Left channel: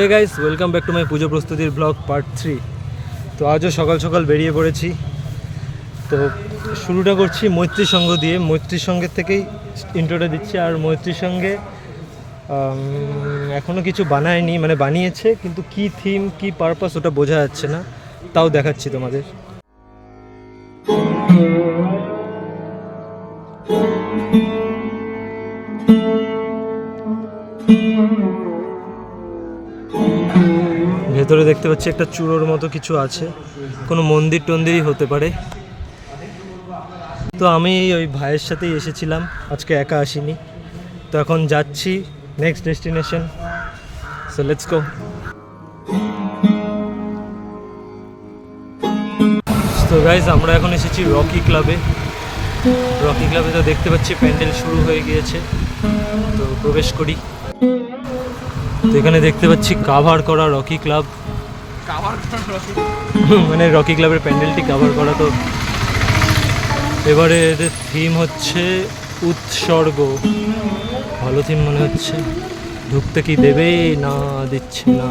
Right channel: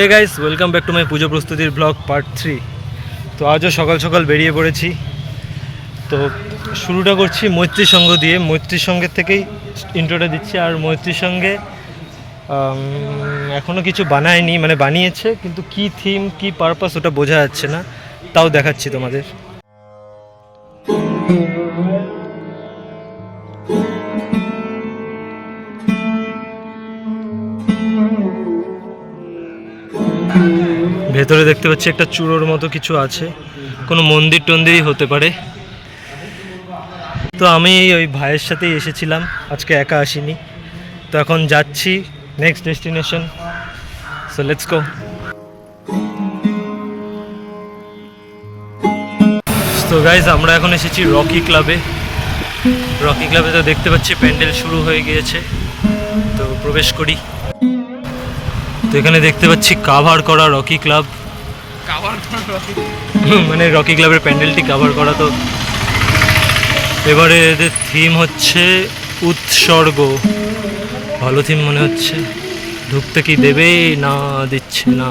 Hey guys welcome back to my Pujo প্রস্তুতির blog part three তো আজও সকাল সকাল বেরিয়ে পড়েছি। তো শুরুটা করছি মৈত্রী সঙ্গ দিয়ে। মৈত্রী সঙ্গের থেকেই ইন্ট্রোটা দিচ্ছি। আর মৈত্রী সঙ্গে এখনও কিছু বানায়নি মানে বানিয়েছে, কিন্তু কি থিম কি পারপাস ওটা বোঝা যাচ্ছে না। তাও দেখাচ্ছি তোমাদের। ভেতরে দেখতে পাচ্ছি একটা চূড়োর মতো কিছু আছে। কোনো মন্দির টন্দিরই হতে পারে। তো আমি ওই ভাইয়ের সাথেই এসেছিলাম, আজকে একা আসিনি। তো এখন যাচ্ছি next destination so let's go তো গাইজ আমরা এখন এসেছি রকি ক্লাবে রকি ক্লাবে তো দেখতে পাচ্ছি প্যান্ডেল শুরু হয়ে গিয়েছে। তো প্রবেশ করি। তো এখানে দেখতে পাচ্ছি কাভার করা রকি ক্লাব মানে রকি ক্লাবের প্যান্ডেলটি কাভার করা তো। এবারে এদের থিম হচ্ছে উৎসর্গ। ভালো থিম মনে হচ্ছে। ঢুকতে কি দেবে? না, দিচ্ছে না।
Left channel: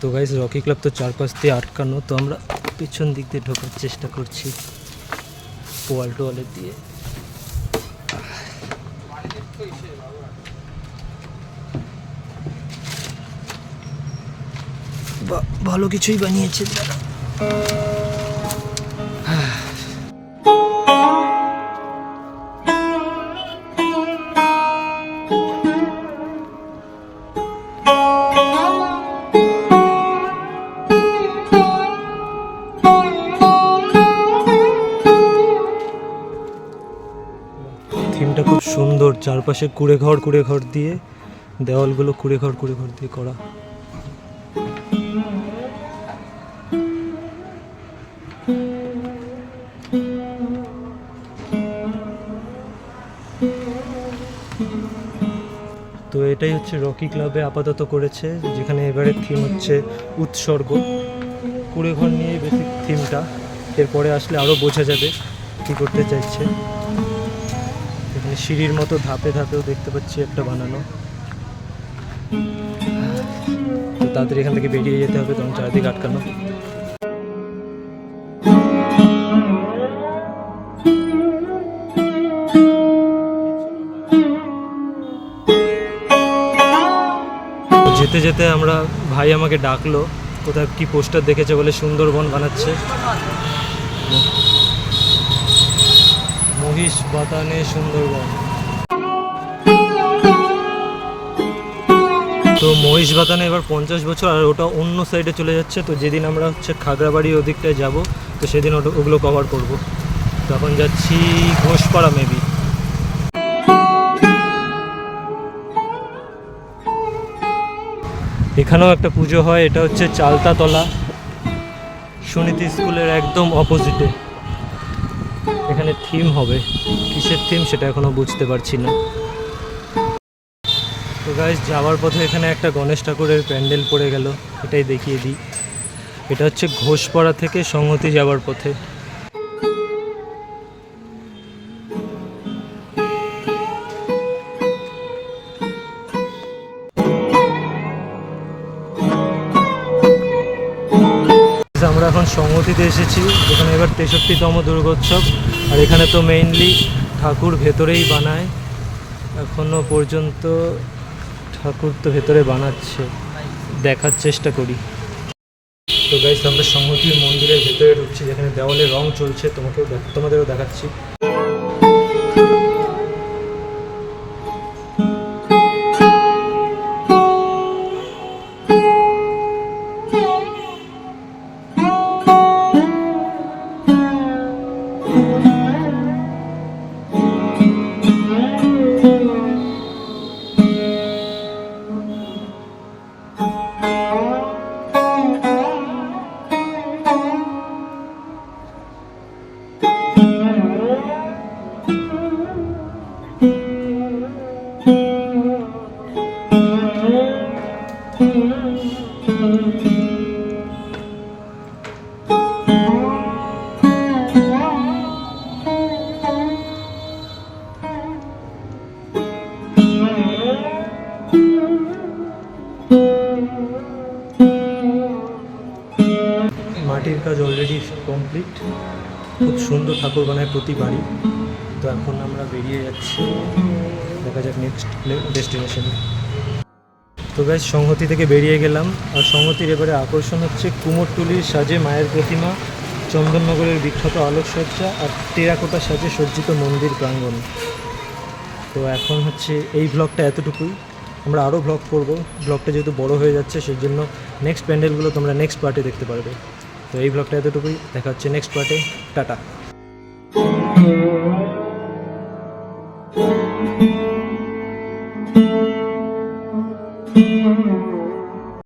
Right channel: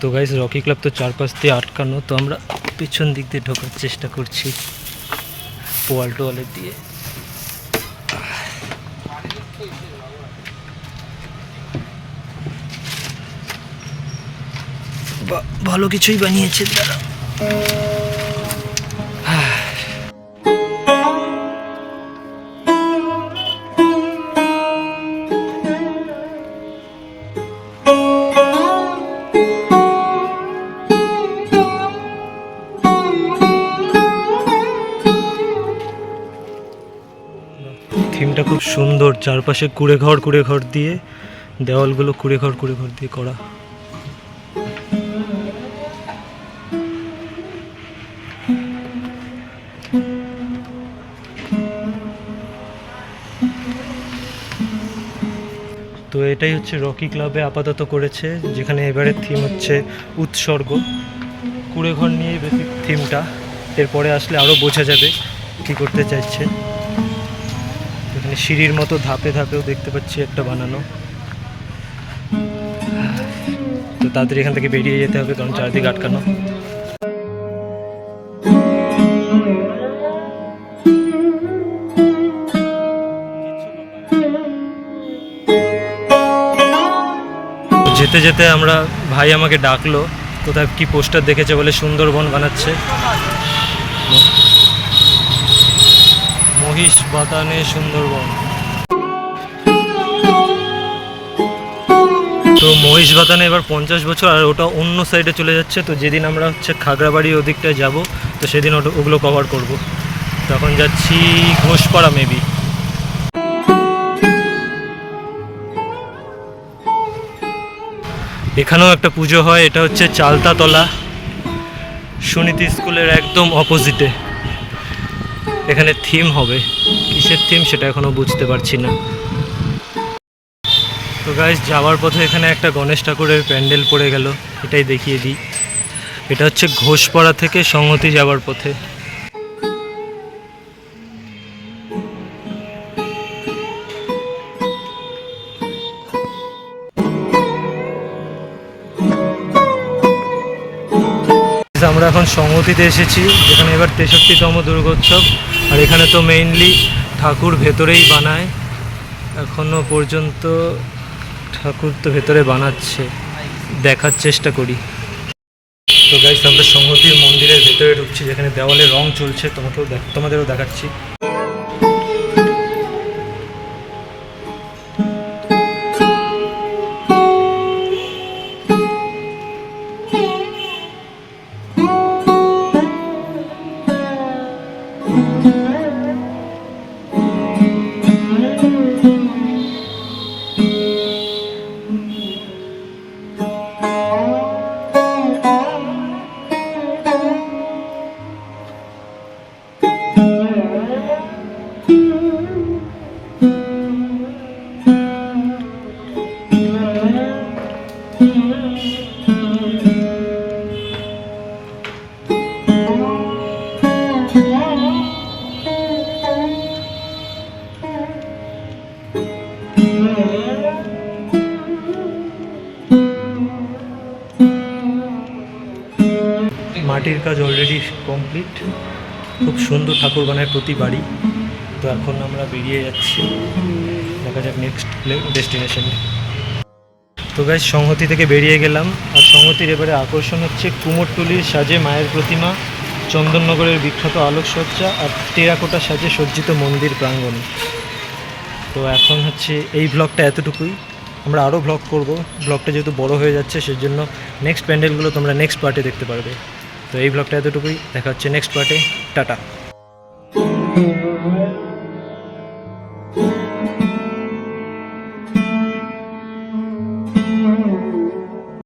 তো গাইস রকি ক্লাব তো চারপাশ দিয়ে আটকানো, তো আমরা পেছন দিক দিয়ে ঢোকার চেষ্টা করছি। পোয়াল টোয়ালের দিয়ে। ভালো কিছুই বানিয়েছে তারা। খুব সুন্দর, চারপাশে কুড়ে ঘর কুড়ে ঘর দিয়ে, দেওয়ালগুলো কুড়ে ঘর কুড়ে ঘর দিয়ে করা। তো এটাই হচ্ছে রকি ক্লাবে আপাতত করেছে, যেখানে এবারের থিম হচ্ছে উৎসর্গ। কুড়ে ঘর নিয়ে বেশি থিমটা এরপরে আসলে আরও বোঝা যাবে কী করতে চাইছে। এখানে সিঁড়ির মতো ধাপে ধাপেও দেখতে পাচ্ছি একটা বানানো। তো তাড়াতাড়ি এখান থেকে বেরিয়ে যেতে হবে, কারণ চারদিকে আটকানো। যেতে যেতে আমরা ভাই আমাকে ডাকলো, কোথায় কি পোস্টার দেখেছে বলে সুন্দরবন বানাচ্ছে। মহিষ বাতানে সুন্দরবন। তো মহিষ বাতানে এবার পঞ্চাশ বছর, আর ওটা অন্য সাইডে চলে যাচ্ছে। তো যেদিন আমরা হচ্ছে খাগড়াবাড়ি ওদিকটায় যাব, তো সেদিন ওটা ওগুলো কভার করব। তখন যাচ্ছি ঘোষপাড়া মেবি এখানেও একটা পুজো হয়, এটা হচ্ছে চালতাতলা। সুনীতি স্কুলের একদম অপোজিটে এখানে থিম হবে। কিসের থিম সেটা এখনও বুঝতে পারছি না। তো গাইজ যাওয়ার পথে এখানে একটা গণেশ ঠাকুরের প্যান্ডেল পড়ে গেল, এটাই দেখিয়ে দিই। এটা হচ্ছে ঘোষপাড়া থেকে সংহতি যাওয়ার পথে। আমরা এখন সংহতিতে এসেছি, যেখানে এবার তেষট্টিতম দুর্গোৎসব। আর এখানে তো মেইনলি ঠাকুর ভেতরেই বানায়, এখনও পর্যন্ত ঠাকুর তো ভেতরে বানাচ্ছে, দেখার চেষ্টা করি। তো গাইস আমরা সংহতির মন্দিরের ভেতরে ঢুকছি, যেখানে দেওয়ালে রং চলছে, তোমাকেও তোমাদেরও দেখাচ্ছি। মাটির কাজ অলরেডি কমপ্লিট খুব সুন্দর ঠাকুর বানায় প্রতি বাড়ি। তো এখন আমরা বেরিয়ে যাচ্ছি। দেখা যাক নেক্সট ডেস্টিনেশন তো গাইজ সংহতি থেকে বেরিয়ে গেলাম। আর সংহতির এবারে আকর্ষণ হচ্ছে কুমোরটুলির সাজে মায়ের প্রতিমা, চন্দননগরের বিখ্যাত আলোকসজ্জা আর টেরাকোটা সাজে সজ্জিত মন্দির প্রাঙ্গণ। তো এখন হচ্ছে এই ব্লগটা এতটুকুই। আমরা আরও ব্লগ করব। ব্লগটা যেহেতু বড় হয়ে যাচ্ছে, সেজন্য নেক্সট প্যান্ডেলগুলো তোমরা নেক্সট পার্টে দেখতে পারবে। তো এই ব্লগটা এতটুকুই। দেখা হচ্ছে নেক্সট পার্টে টাটা।